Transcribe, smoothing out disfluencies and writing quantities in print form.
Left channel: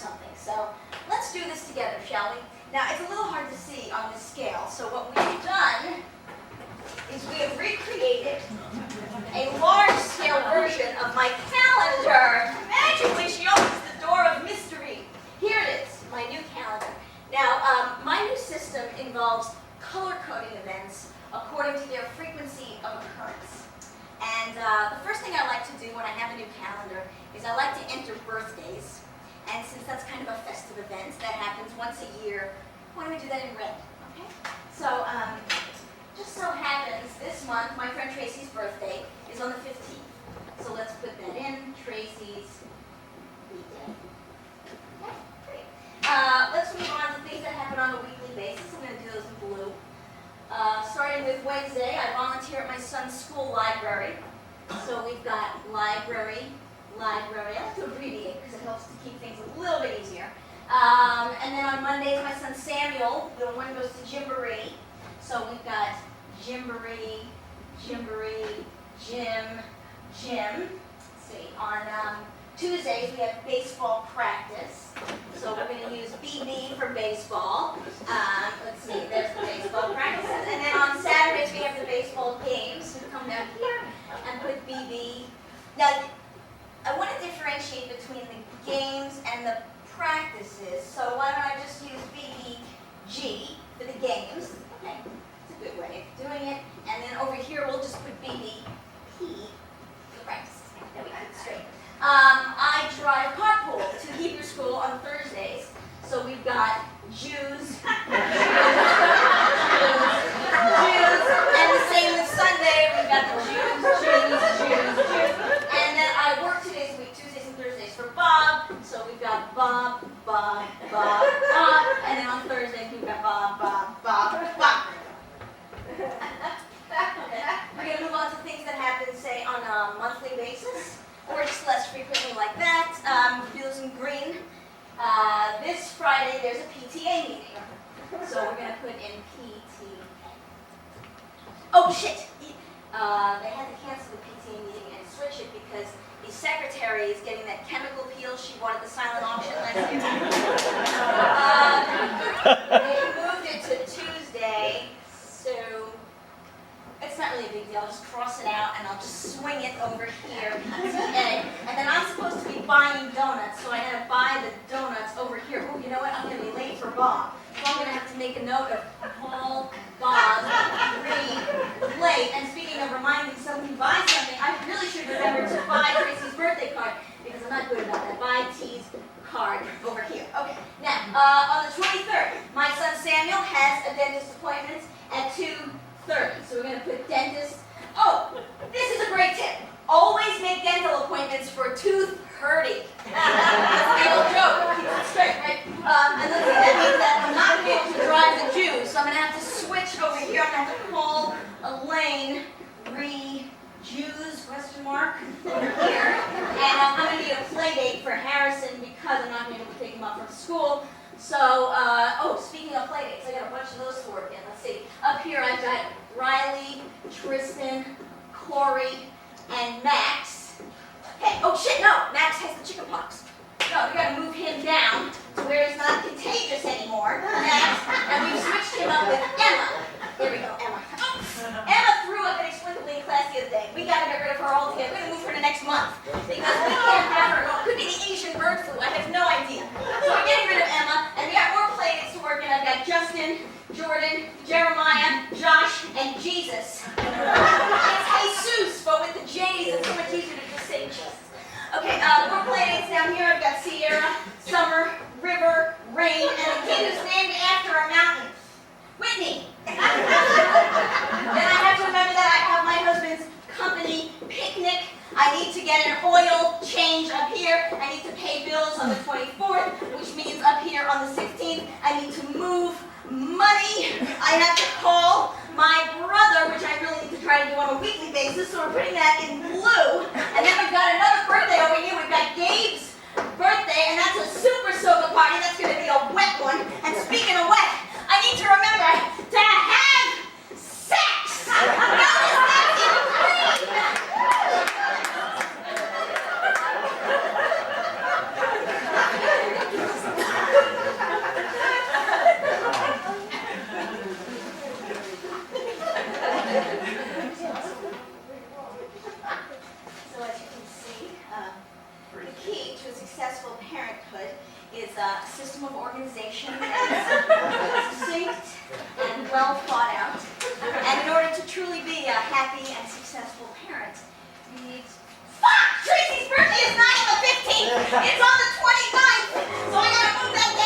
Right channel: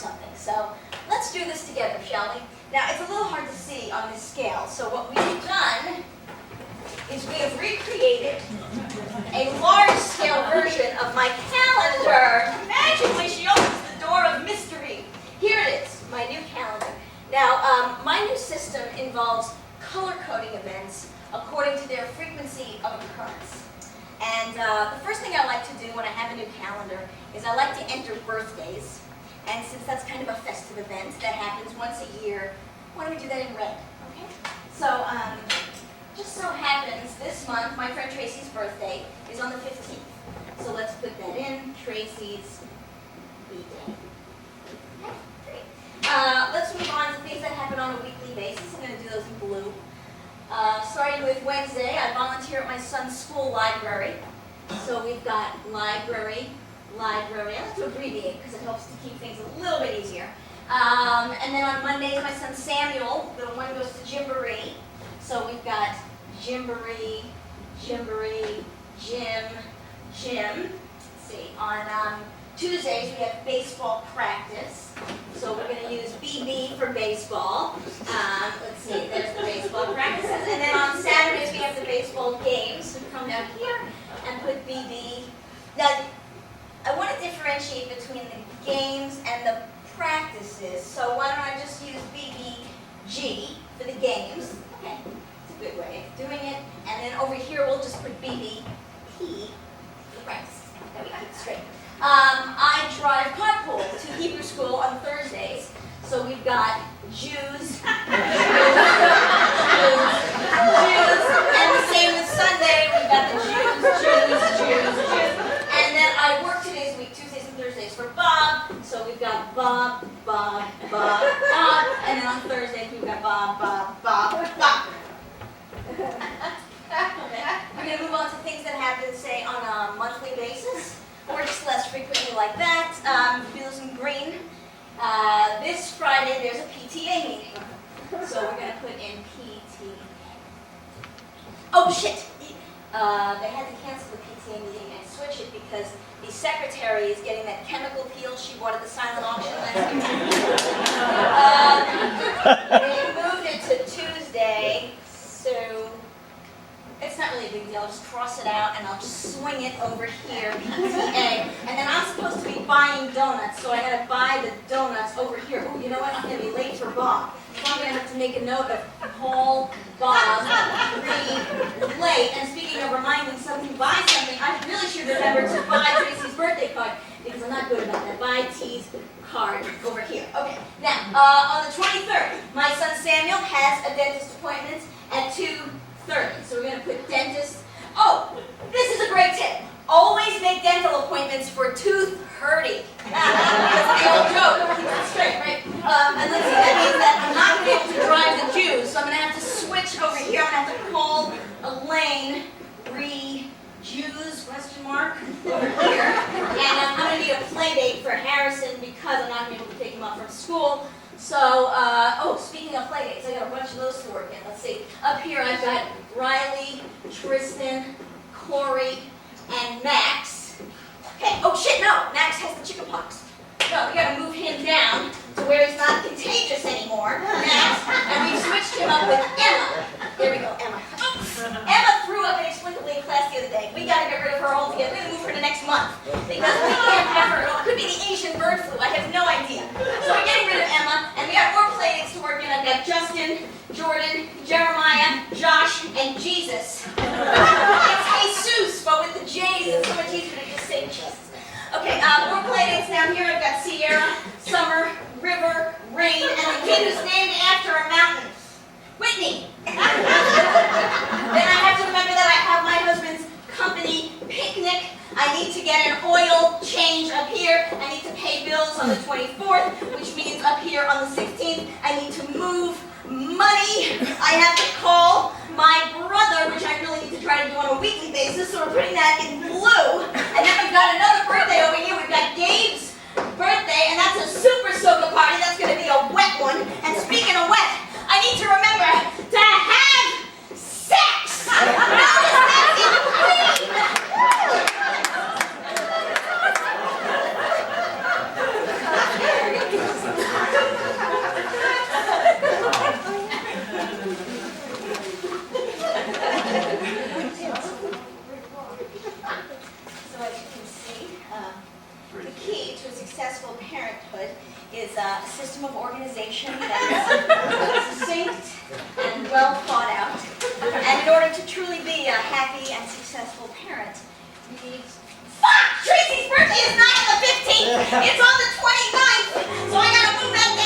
something. So let's do this together, shall we? Now, it's a little hard to see on this scale, so what we've done is we have recreated a large-scale version of my calendar. Magically, she opens the door of mystery. Here it is, my new calendar. Now, my new system involves color-coding events according to their frequency of occurrence. And the first thing I like to do when I have a new calendar is I like to enter birthdays. And since that's kind of a festive event that happens once a year, why don't we do that in red, okay? So, just so happens this month, my friend Tracy's birthday is on the 15th. So let's put that in, Tracy's B-Day. Okay, great. Let's move on to things that happen on a weekly basis. I'm going to do those in blue. Starting with Wednesday, I volunteer at my son's school library. So we've got library. I like to abbreviate because it helps to keep things a little bit easier. And then on Mondays, my son Samuel, little one, goes to Gymboree. So we've got Gymboree, gym. Let's see. On Tuesdays, we have baseball practice. So we're going to use BB for baseball. Let's see, there's the baseball practices. And then on Saturdays, we have the baseball games. We come down here and put BB. Now, I want to differentiate between the games and the practices. So why don't I just use BBG for the games? Okay, it's a good way of doing it. And then over here, we'll just put BBP for the practice. That we keep it straight. I drive carpool to Hebrew school on Thursdays. So we've got Jews, and the same with Sunday. We've got the Jews. And then I work 2 days a week, Tuesdays and Thursdays for Bob. So we've got Bob. And then on Thursdays, we've got Bob. Okay. We're going to move on to things that happen, say, on a monthly basis, or just less frequently like that. Do those in green. This Friday, there's a PTA meeting. So we're going to put in PTA. Oh, shit! They had to cancel the PTA meeting and switch it because the secretary is getting that chemical peel she bought at the silent auction last year. They moved it to Tuesday, so it's not really a big deal. I'll just cross it out and I'll just swing it over here, PTA. And then I'm supposed to be buying donuts, so I had to buy the donuts over here. Oh, you know what? I'm going to be late for Bob. So I'm going to have to make a note of call Bob, late. And speaking of reminding somebody to buy something, I really should remember to buy Tracy's birthday card because I'm not good about that. Buy T's card over here. Okay, now, on the 23rd, my son Samuel has a dentist appointment at 2:30. So we're going to put dentist. Oh, this is a great tip. Always make dental appointments for 2:30. That's the old joke. Keep it straight, right? And let's see, that means that I'm not going to be able to drive the Jews, so I'm going to have to switch over here. I'm going to have to call Elaine, Jews, question mark, over here. And I'm going to need a play date for Harrison because I'm not going to be able to pick him up from school. So, speaking of play dates, I got a bunch of those to work in. Let's see. Up here I've got Riley, Tristan, Corey, and Max. Okay, oh shit, no, Max has the chickenpox. No, we gotta move him down to where he's not contagious anymore, Max, and we've switched him up with Emma. There we go, Emma. Emma threw up inexplicably in class the other day. We gotta get rid of her altogether. We're gonna move her to next month because we can't have her. It could be the Asian bird flu, I have no idea. So we're getting rid of Emma, and we got more play dates to work in. I've got Justin, Jordan, Jeremiah, Josh, and Jesus. It's Jesus, but with the J's, it's so much easier to just say Jesus. Okay, more play dates down here. I've got Sierra, Summer, River, Rain, and the kid who's named after a mountain. Whitney. Then I have to remember that I have my husband's company picnic. I need to get an oil change up here. I need to pay bills on the 24th, which means up here on the 16th, I need to move money. I have to call my brother, which I really need to try to do on a weekly basis, so we're putting that in blue. And then we've got another birthday over here. We've got Gabe's birthday, and that's a super soda party. That's going to be a wet one. And speaking of wet, I need to remember to have sex. Notice that's in green. organization that is succinct and well thought out. And in order to truly be a happy and successful parent, you need... Fuck! Tracy's birthday is not on the 15th! It's on the 29th! So I gotta move that